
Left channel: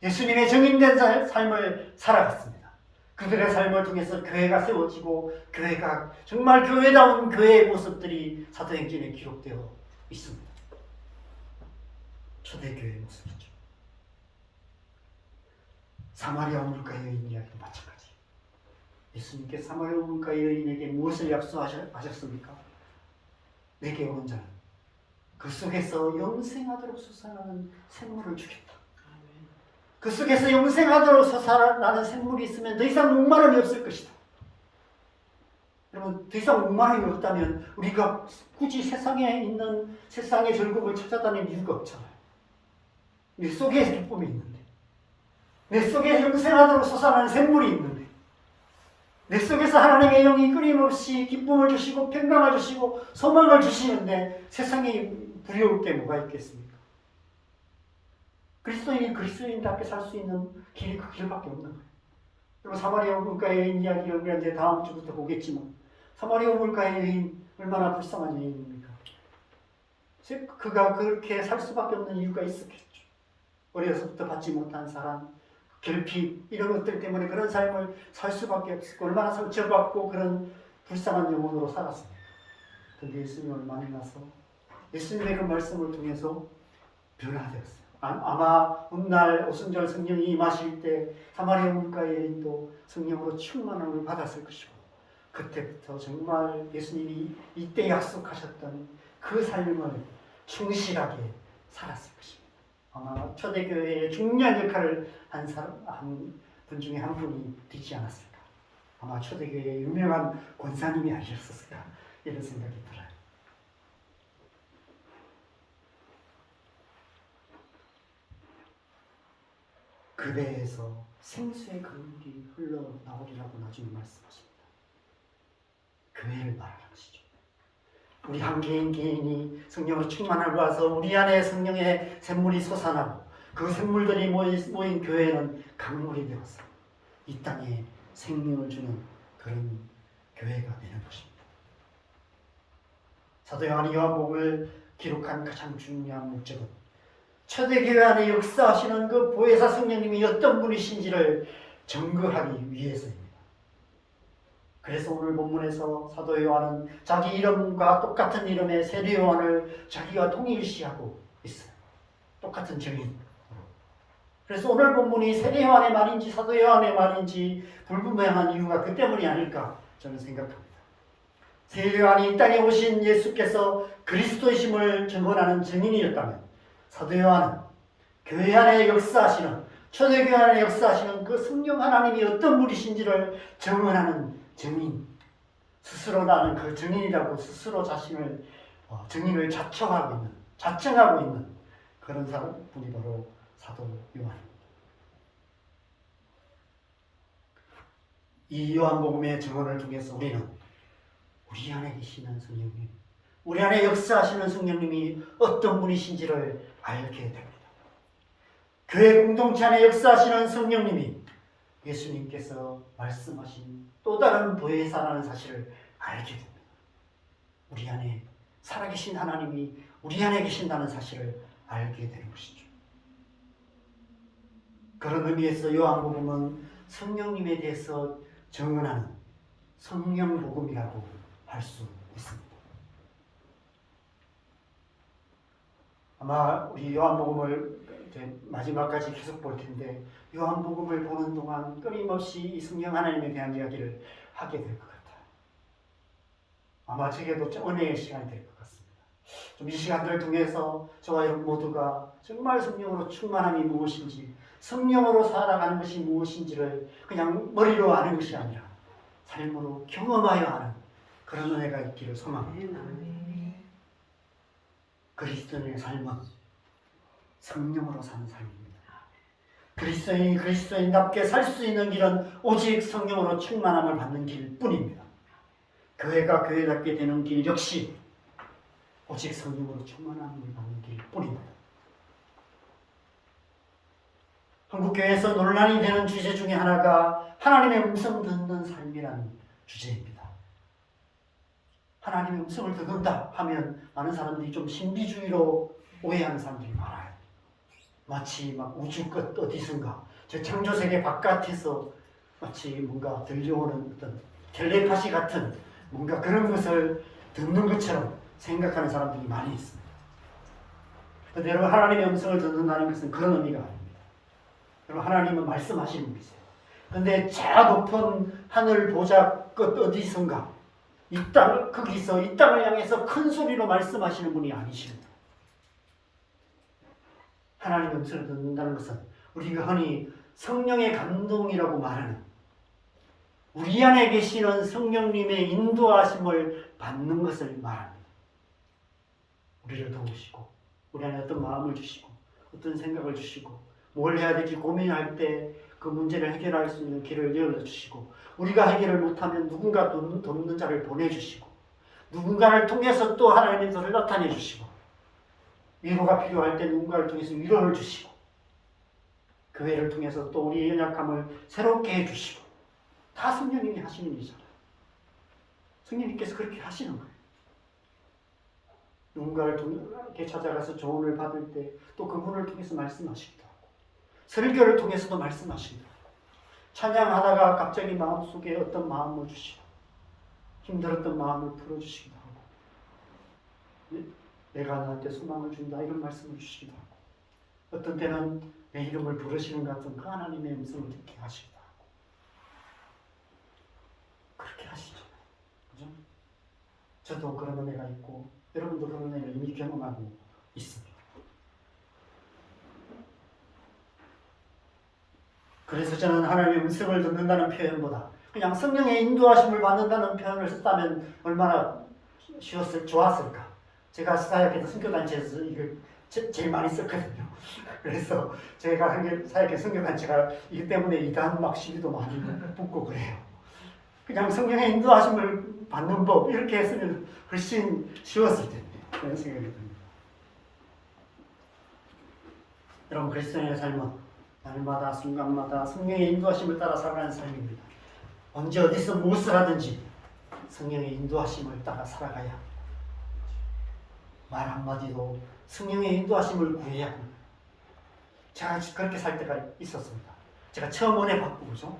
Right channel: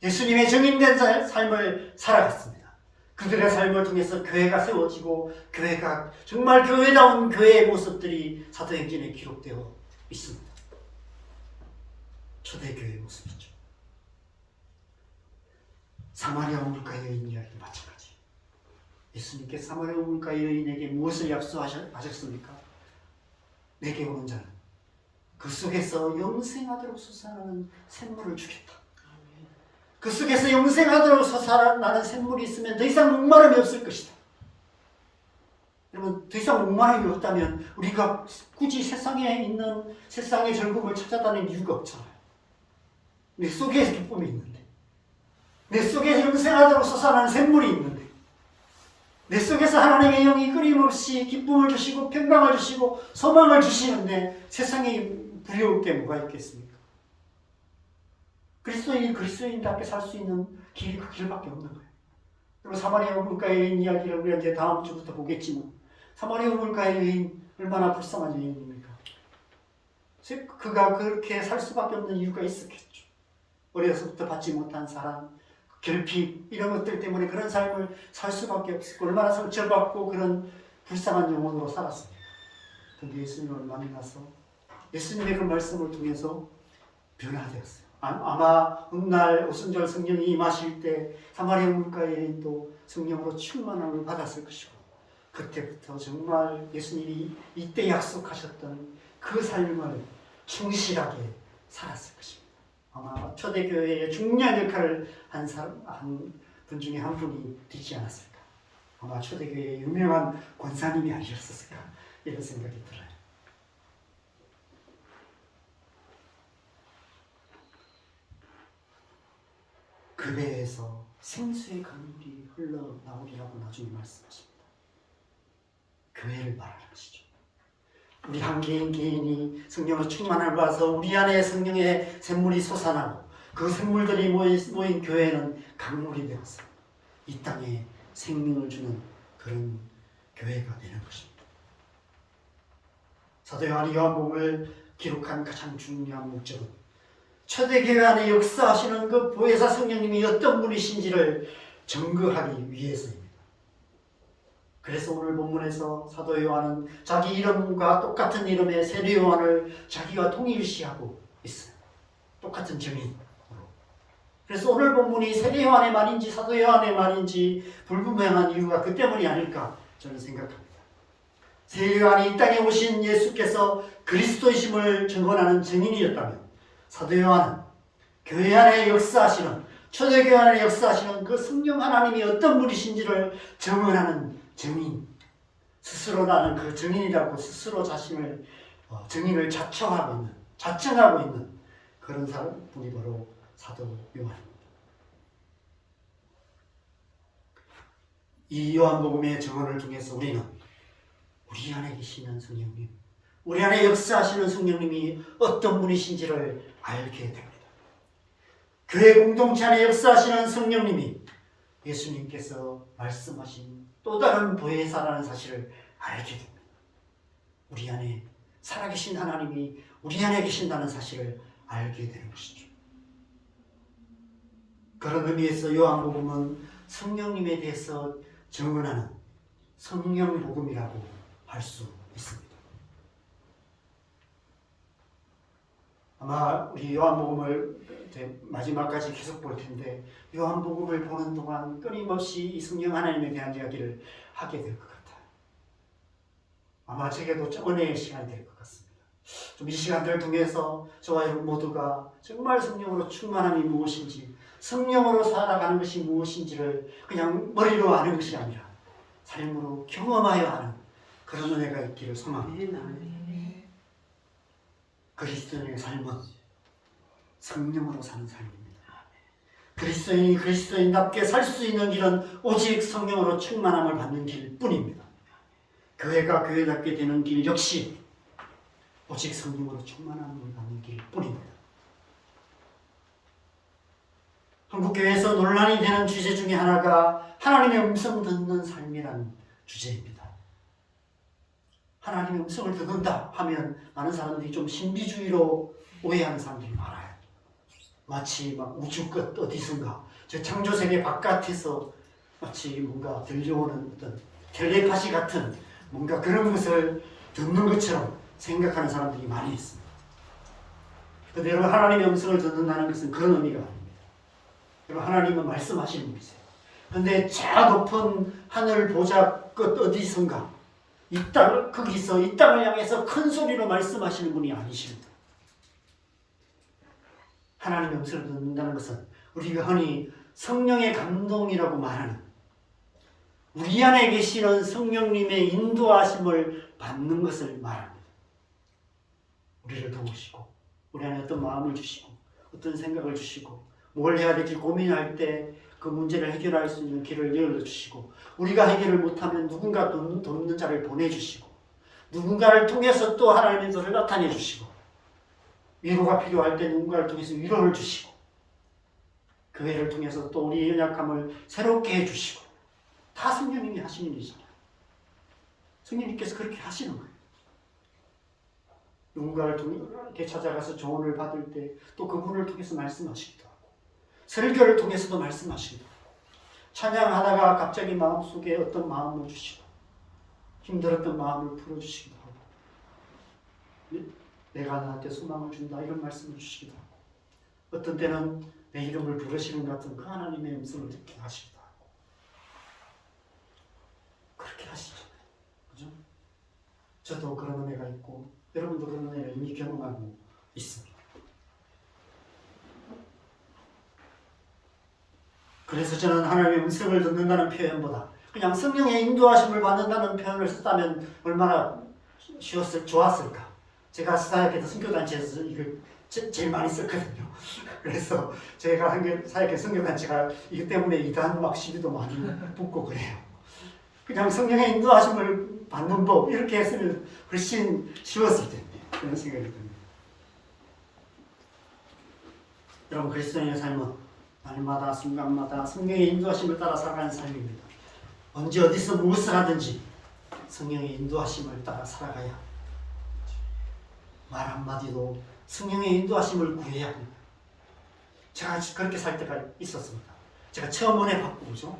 예수님의 증인된 삶을 살아갔습니다. 그들의 삶을 통해서 교회가 세워지고 교회가 정말 교회다운 교회의 모습들이 사도행전에 기록되어 있습니다. 초대교회의 모습이죠. 사마리아 우물가의 여인 이야기도 마찬가지. 예수님께서 사마리아 우물가의 여인에게 무엇을 약속하셨습니까? 내게 오는 자는 그 속에서 영생하도록 솟아나는 샘물을 주겠다. 그 속에서 영생하도록 솟아나는 샘물이 있으면 더 이상 목마름이 없을 것이다. 여러분, 더 이상 목마름이 없다면 우리가 굳이 세상에 있는 세상의 즐거움을 찾아다니는 이유가 없잖아요. 내 속에 기쁨이 있는데, 내 속에 영생하도록 솟아나는 샘물이 있는데, 내 속에서 하나님의 영이 끊임없이 기쁨을 주시고 평강을 주시고 소망을 주시는데 세상에 두려울 게 뭐가 있겠습니까? 그리스도인이 그리스도인답게 살 수 있는 길이 그 길밖에 없는 거예요. 여러분, 사마리아 우물가의 여인 이야기를 우리가 이제 다음 주부터 보겠지만 사마리아 우물가의 여인 얼마나 불쌍한 여인입니까? 그가 그렇게 살 수밖에 없는 이유가 있었겠죠. 어려서부터 받지 못한 사랑, 결핍 이런 것들 때문에 그런 삶을 살 수밖에 없었고 얼마나 상처받고 그런 불쌍한 영혼으로 살았습니까? 그런데 예수님을 만나서 예수님의 그 말씀을 통해서 변화되었어요. 아마 훗날 오순절 성령이 임하실 때 사마리아 우물가의 여인도 성령으로 충만함을 받았을 것이고 그때부터 정말 예수님이 이때 약속하셨던 그 삶을 충실하게 살았을 것입니다. 아마 초대교회의 중요한 역할을 한 분 중에 한 분이 되지 않았을까. 아마 초대교회의 유명한 권사님이 아니었을까 이런 생각이 들어요. 그 배에서 생수의 강물이 흘러나오리라고 나중에 말씀하십니다. 교회를 말하는 것이죠. 우리 한 개인 개인이 성령으로 충만함을 받아서 우리 안에 성령의 샘물이 솟아나고 그 샘물들이 모인 교회는 강물이 되어서 이 땅에 생명을 주는 그런 교회가 되는 것입니다. 사도 요한이 요한복음을 기록한 가장 중요한 목적은 초대교회 안에 역사하시는 그 보혜사 성령님이 어떤 분이신지를 증거하기 위해서입니다. 그래서 오늘 본문에서 사도 요한은 자기 이름과 똑같은 이름의 세례 요한을 자기와 동일시하고 있어요. 똑같은 증인으로. 그래서 오늘 본문이 세례 요한의 말인지 사도 요한의 말인지 불분명한 이유가 그 때문이 아닐까 저는 생각합니다. 세례 요한이 이 땅에 오신 예수께서 그리스도이심을 증언하는 증인이었다면 사도 요한은 교회 안에 역사하시는 초대교회 안에 역사하시는 그 성령 하나님이 어떤 분이신지를 증언하는 증인, 스스로 나는 그 증인이라고 스스로 자신을 증인을 자청하고 있는 그런 분이 바로 사도 요한입니다. 이 요한복음의 증언을 통해서 우리는 우리 안에 계시는 성령님, 우리 안에 역사하시는 성령님이 어떤 분이신지를 알게 됩니다. 교회 공동체 안에 역사하시는 성령님이 예수님께서 말씀하신 또 다른 보혜사라는 사실을 알게 됩니다. 우리 안에 살아계신 하나님이 우리 안에 계신다는 사실을 알게 되는 것이죠. 그런 의미에서 요한복음은 성령님에 대해서 증언하는 성령복음이라고 할 수 있습니다. 아마 우리 요한복음을 마지막까지 계속 볼 텐데 요한복음을 보는 동안 끊임없이 이 성령 하나님에 대한 이야기를 하게 될 것 같아요. 아마 제게도 좀 은혜의 시간이 될 것 같습니다. 좀 이 시간들을 통해서 저와 여러분 모두가 정말 성령으로 충만함이 무엇인지, 성령으로 살아가는 것이 무엇인지를 그냥 머리로 아는 것이 아니라 삶으로 경험하여 하는 그런 은혜가 있기를 소망합니다. 그리스도인의 삶은 성령으로 사는 삶입니다. 그리스도인이 그리스도인답게 살 수 있는 길은 오직 성령으로 충만함을 받는 길뿐입니다. 교회가 교회답게 되는 길 역시 오직 성령으로 충만함을 받는 길뿐입니다. 한국교회에서 논란이 되는 주제 중에 하나가 하나님의 음성 듣는 삶이라는 주제입니다. 하나님의 음성을 듣는다 하면 많은 사람들이 좀 신비주의로 오해하는 사람들이 많아요. 마치 막 우주 끝 어디선가 저 창조세계 바깥에서 마치 뭔가 들려오는 어떤 텔레파시 같은 뭔가 그런 것을 듣는 것처럼 생각하는 사람들이 많이 있습니다. 그런데 여러분, 하나님의 음성을 듣는다는 것은 그런 의미가 아닙니다. 여러분, 하나님은 말씀하시는 분이세요. 그런데 저 높은 하늘 보좌 끝 어디선가 이 땅, 거기서 이 땅을 향해서 큰 소리로 말씀하시는 분이 아니십니다. 하나님의 음성을 듣는다는 것은 우리가 흔히 성령의 감동이라고 말하는 우리 안에 계시는 성령님의 인도하심을 받는 것을 말합니다. 우리를 도우시고 우리 안에 어떤 마음을 주시고 어떤 생각을 주시고 뭘 해야 될지 고민할 때 그 문제를 해결할 수 있는 길을 열어주시고 우리가 해결을 못하면 누군가 돕는 자를 보내주시고 누군가를 통해서 또 하나님의 뜻을 나타내 주시고 위로가 필요할 때 누군가를 통해서 위로를 주시고 교회를 통해서 또 우리의 연약함을 새롭게 해주시고 다 성령님이 하시는 일이잖아요. 성령님께서 그렇게 하시는 거예요. 누군가를 통해 찾아가서 조언을 받을 때 또 그분을 통해서 말씀하시기도 하고 설교를 통해서도 말씀하시기도 하고 찬양하다가 갑자기 마음속에 어떤 마음을 주시고 힘들었던 마음을 풀어주시기도 하고 내가 너한테 소망을 준다 이런 말씀을 주시기도 하고 어떤 때는 내 이름을 부르시는 것 같은 그 하나님의 음성을 듣게 하시기도 하고 그렇게 하시잖아요. 그죠? 저도 그런 은혜가 있고 여러분도 그런 은혜를 이미 경험하고 있습니다. 그래서 저는 하나님의 음성을 듣는다는 표현보다 그냥 성령의 인도하심을 받는다는 표현을 썼다면 얼마나 좋았을까. 제가 사역해서 선교단체에서 이걸 제일 많이 썼거든요. 그래서 제가 사역해 선교단체가 이것 때문에 이단 막 시비도 많이 붙고 그래요. 그냥 성령의 인도하심을 받는 법 이렇게 했으면 훨씬 쉬웠을 텐데 그런 생각이 듭니다. 여러분, 그리스도인의 삶은 날마다 순간마다 성령의 인도하심을 따라 살아가는 삶입니다. 언제 어디서 무엇을 하든지 성령의 인도하심을 따라 살아가야 합니다. 말 한마디도 성령의 인도하심을 구해야 합니다. 제가 그렇게 살 때가 있었습니다. 제가 처음 은혜 받고 그죠?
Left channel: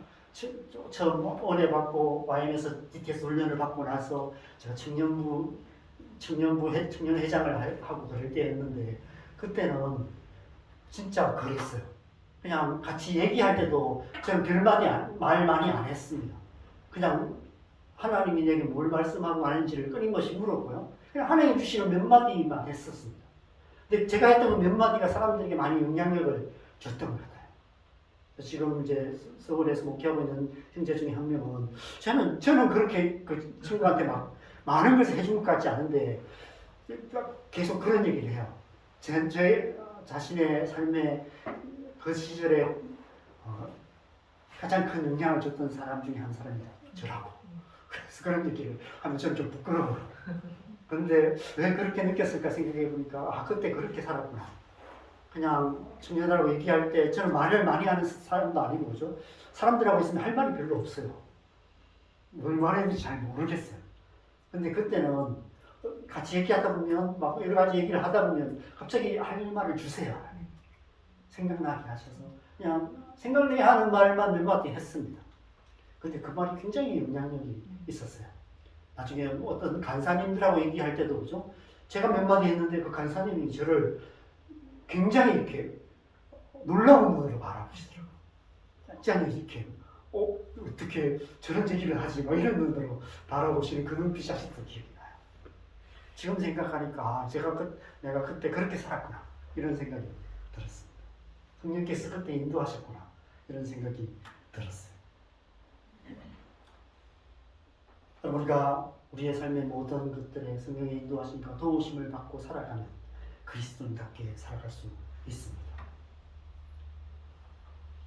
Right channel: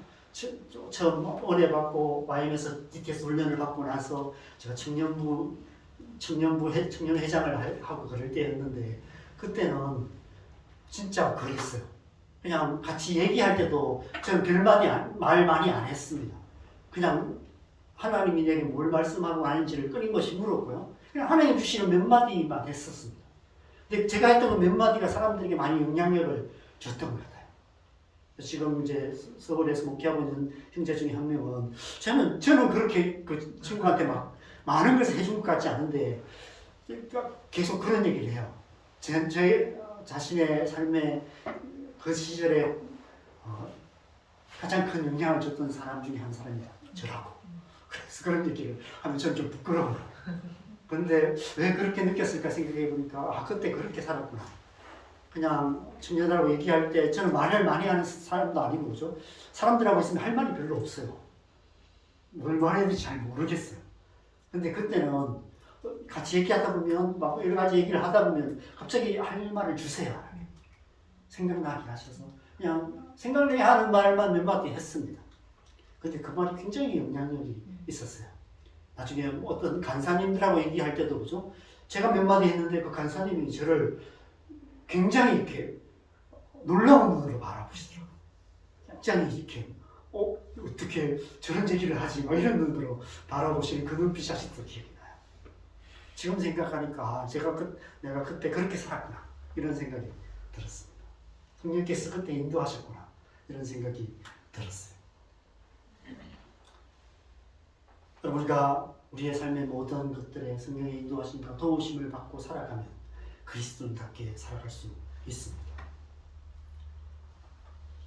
처음 은혜 받고 YM에서 DTS 훈련을 받고 나서 제가 청년회장을 하고 그럴 때였는데 그때는 진짜 그랬어요. 그냥 같이 얘기할 때도 저는 별마디 말 많이 안 했습니다. 그냥 하나님이 내게 뭘 말씀하고 하는지를 끊임없이 물었고요. 그냥 하나님 주시는 몇 마디만 했었습니다. 근데 제가 했던 그 몇 마디가 사람들에게 많이 영향력을 줬던 것 같아요. 지금 이제 서울에서 목회하고 있는 형제 중에 한 명은 저는 그렇게 그 친구한테 막 많은 것을 해준 것 같지 않은데 계속 그런 얘기를 해요. 제 자신의 삶에 그 시절에 가장 큰 영향을 줬던 사람 중에 한 사람이 저라고. 그래서 그런 얘기를 하면 저는 좀 부끄러워요. 그런데 왜 그렇게 느꼈을까 생각해 보니까 그때 그렇게 살았구나. 그냥 청년하고 얘기할 때 저는 말을 많이 하는 사람도 아니고 그죠? 사람들하고 있으면 할 말이 별로 없어요. 뭘 말해야 될지 잘 모르겠어요. 근데 그때는 같이 얘기하다 보면 막 여러 가지 얘기를 하다 보면 갑자기 할 말을 주세요. 생각나게 하셔서 그냥 생각나게 하는 말만 몇 마디 했습니다. 근데 그 말이 굉장히 영향력이 있었어요. 나중에 어떤 간사님들하고 얘기할 때도 그죠? 제가 몇 마디 했는데 그 간사님이 저를 굉장히 이렇게 놀라운 눈으로 바라보시더라고요. 굉장히 이렇게 어떻게 저런 얘기를 하지? 막 이런 눈으로 바라보시는 그 눈빛이 아직도 기억이 나요. 지금 생각하니까 내가 그때 그렇게 살았구나 이런 생각이 들었습니다. 성령께서 그때 인도하셨구나 이런 생각이 들었어요. 우리가 우리의 삶의 모든 것들에 성령의 인도하심과 도우심을 받고 살아가면 그리스도인답게 살아갈 수 있습니다.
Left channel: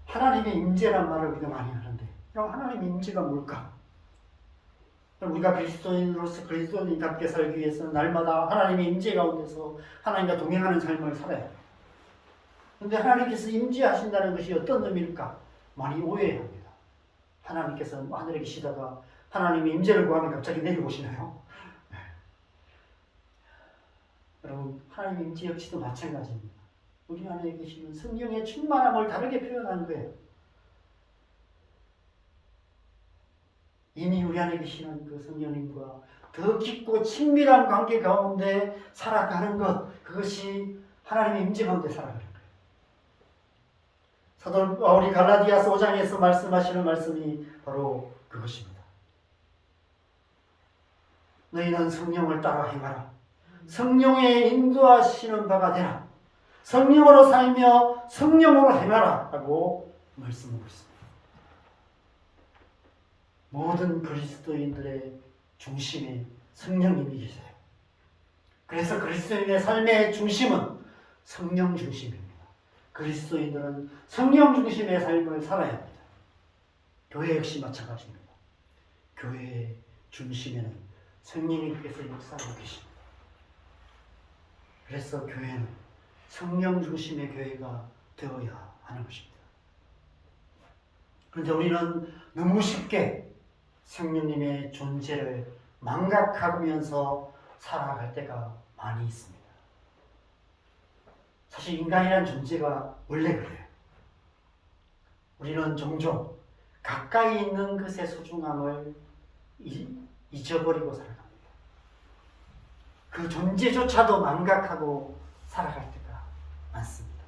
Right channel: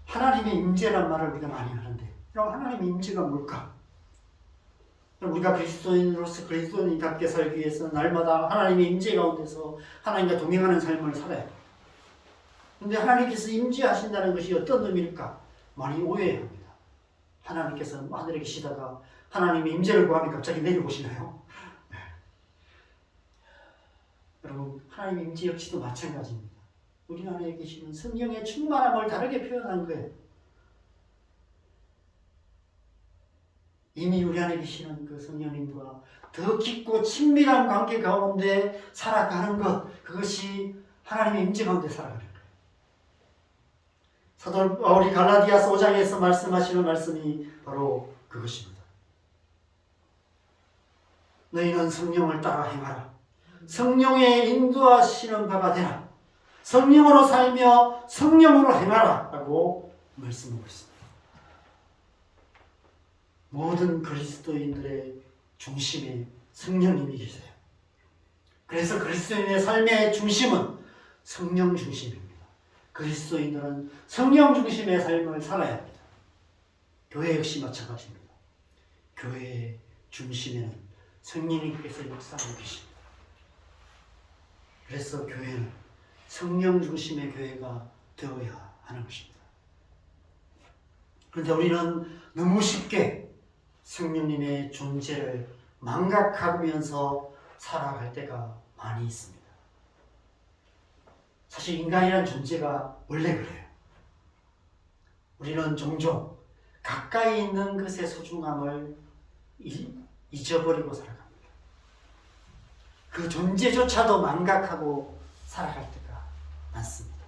하나님의 임재란 말을 우리가 많이 하는데 그럼 하나님의 임재가 뭘까? 우리가 그리스도인으로서 그리스도인답게 살기 위해서 날마다 하나님의 임재 가운데서 하나님과 동행하는 삶을 살아야 합니다. 그런데 하나님께서 임재하신다는 것이 어떤 의미일까? 많이 오해합니다. 하나님께서 하늘에 계시다가 하나님의 임재를 구하면 갑자기 내려오시나요? 네. 여러분, 하나님의 임재 역시도 마찬가지입니다. 우리 안에 계시는 성령의 충만함을 다르게 표현한 거예요. 이미 우리 안에 계시는 그 성령님과 더 깊고 친밀한 관계 가운데 살아가는 것, 그것이 하나님의 임재 가운데 살아가는 거예요. 사도 바울이 갈라디아서 5장에서 말씀하시는 말씀이 바로 그것입니다. 너희는 성령을 따라 행하라. 성령의 인도하시는 바가 되라. 성령으로 살며 성령으로 행하라 라고 말씀하고 있습니다. 모든 그리스도인들의 중심에 성령님이 계세요. 그래서 그리스도인의 삶의 중심은 성령 중심입니다. 그리스도인들은 성령 중심의 삶을 살아야 합니다. 교회 역시 마찬가지입니다. 교회의 중심에는 성령님께서 역사하고 계십니다. 그래서 교회는 성령 중심의 교회가 되어야 하는 것입니다. 그런데 우리는 너무 쉽게 성령님의 존재를 망각하면서 살아갈 때가 많이 있습니다. 사실 인간이라는 존재가 원래 그래요. 우리는 종종 가까이 있는 것의 소중함을 잊어버리고 살아갑니다. 그 존재조차도 망각하고 살아갈 때가 많습니다.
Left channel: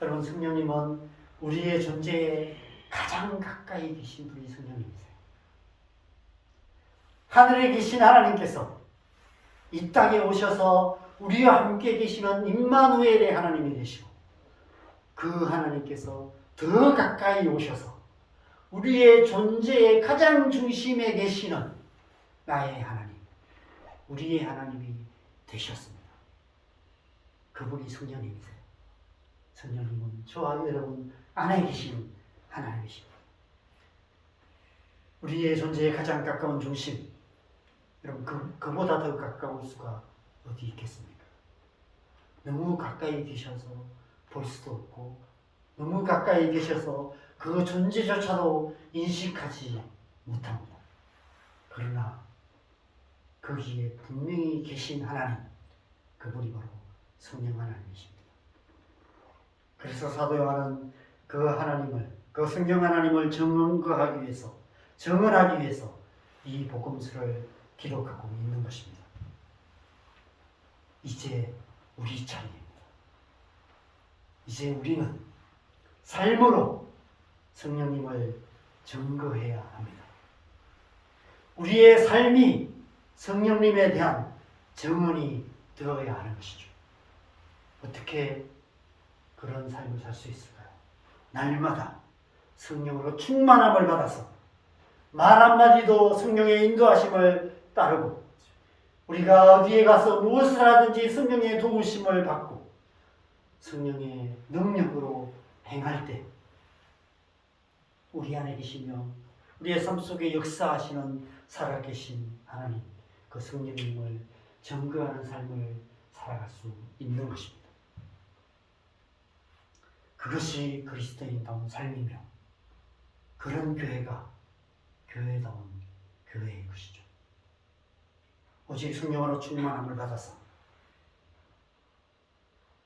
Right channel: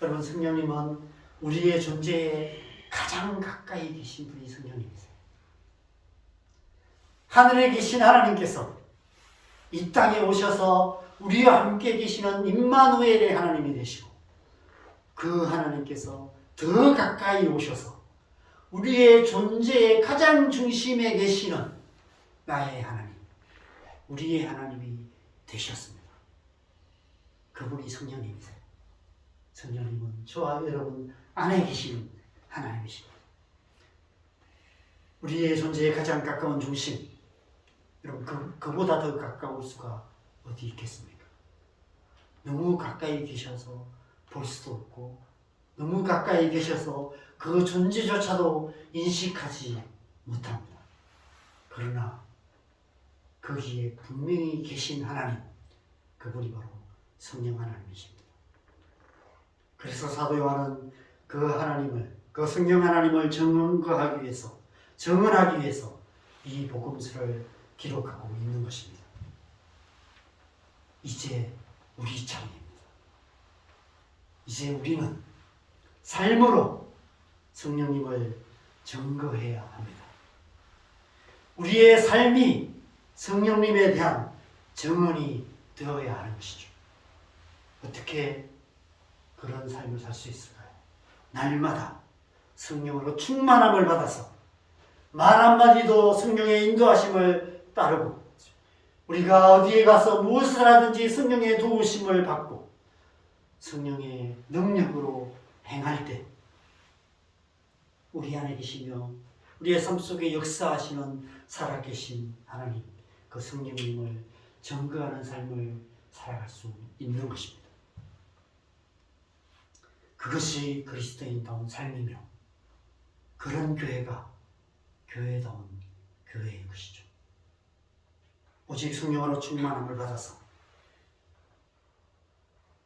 여러분, 성령님은 우리의 존재에 가장 가까이 계신 분이 성령님이세요. 하늘에 계신 하나님께서 이 땅에 오셔서 우리와 함께 계시는 임마누엘의 하나님이 되시고 그 하나님께서 더 가까이 오셔서 우리의 존재의 가장 중심에 계시는 나의 하나님, 우리의 하나님이 되셨습니다. 그분이 성령님이세요. 성령님은 저와 여러분 안에 계신 하나님이십니다. 우리의 존재에 가장 가까운 중심, 여러분 그보다 더 가까울 수가 어디 있겠습니까? 너무 가까이 계셔서 볼 수도 없고 너무 가까이 계셔서 그 존재조차도 인식하지 못합니다. 그러나 거기에 분명히 계신 하나님, 그분이 바로 성령 하나님이십니다. 그래서 사도 요한은 그 하나님을, 그 성령 하나님을 증거하기 위해서, 증언하기 위해서 이 복음서를 기록하고 있는 것입니다. 이제 우리 차례입니다. 이제 우리는 삶으로 성령님을 증거해야 합니다. 우리의 삶이 성령님에 대한 증언이 되어야 하는 것이죠. 어떻게 그런 삶을 살 수 있을까요? 날마다 성령으로 충만함을 받아서 말 한마디도 성령의 인도하심을 따르고 우리가 어디에 가서 무엇을 하든지 성령의 도우심을 받고 성령의 능력으로 행할 때 우리 안에 계시며 우리의 삶 속에 역사하시는 살아계신 하나님, 그 성령님을 증거하는 삶을 살아갈 수 있는 것입니다. 그것이 그리스도인다운 삶이며 그런 교회가 교회다운 교회인 것이죠. 오직 성령으로 충만함을 받아서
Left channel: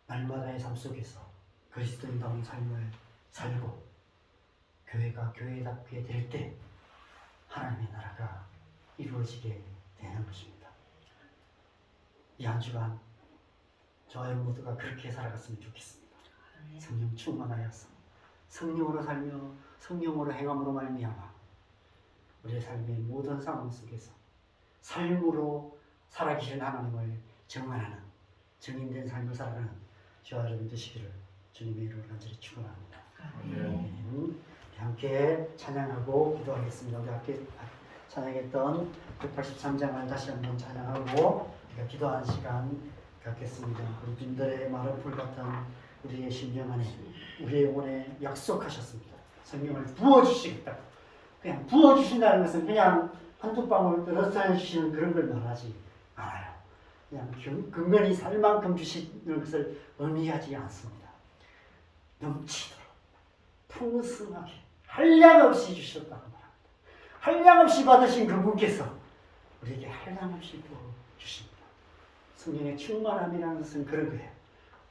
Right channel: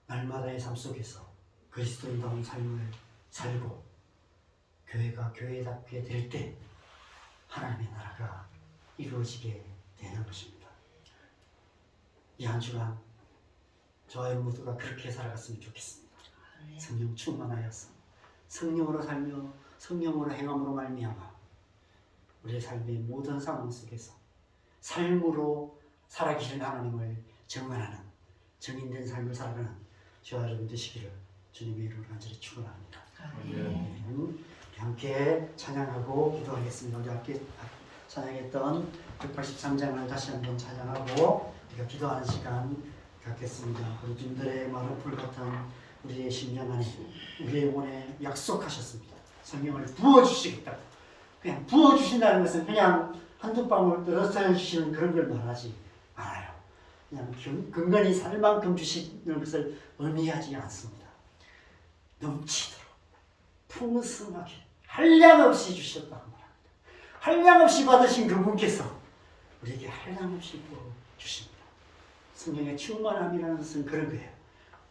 날마다의 삶 속에서 그리스도인다운 삶을 살고 교회가 교회답게 될 때 하나님의 나라가 이루어지게 되는 것입니다. 이 한 주간 저와 여러분 모두가 그렇게 살아갔으면 좋겠습니다. 성령 충만하여서 성령으로 살며 성령으로 행함으로 말미암아 우리의 삶의 모든 상황 속에서 삶으로 살아계신 하나님을 증언하는 증인된 삶을 살아가는 저와 여러분 되시기를 주님의 이름으로 간절히 축원합니다. 함께 찬양하고 기도하겠습니다. 우리 함께 찬양했던 183장을 다시 한번 찬양하고 우리가 기도하는 시간 갖겠습니다. 우리 빈들의 마른 풀 같은 우리의 심령 안에 우리의 영혼에 약속하셨습니다. 성령을 부어주시겠다. 그냥 부어주신다는 것은 그냥 한두 방울 떨어뜨리시는 그런 걸 말하지 않아요. 그냥 근근히 살 만큼 주시는 것을 의미하지 않습니다. 넘치도록 풍성하게 한량없이 주셨다고 말합니다. 한량없이 받으신 그분께서 우리에게 한량없이 부어주십니다. 성령의 충만함이라는 것은 그런 거예요.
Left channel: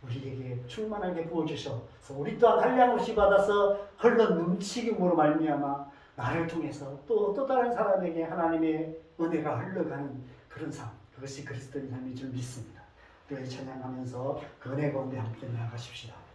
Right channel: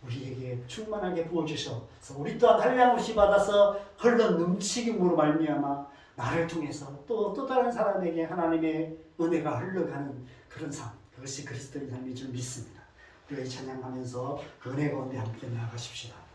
우리에게 충만하게 부어주셔서 우리 또한 한량없이 받아서 흘러 넘치김으로 말미암아 나를 통해서 또 다른 사람에게 하나님의 은혜가 흘러가는 그런 삶, 그것이 그리스도의 삶인 줄 믿습니다. 우리가 이 찬양하면서 그 은혜 가운데 함께 나아가십시다.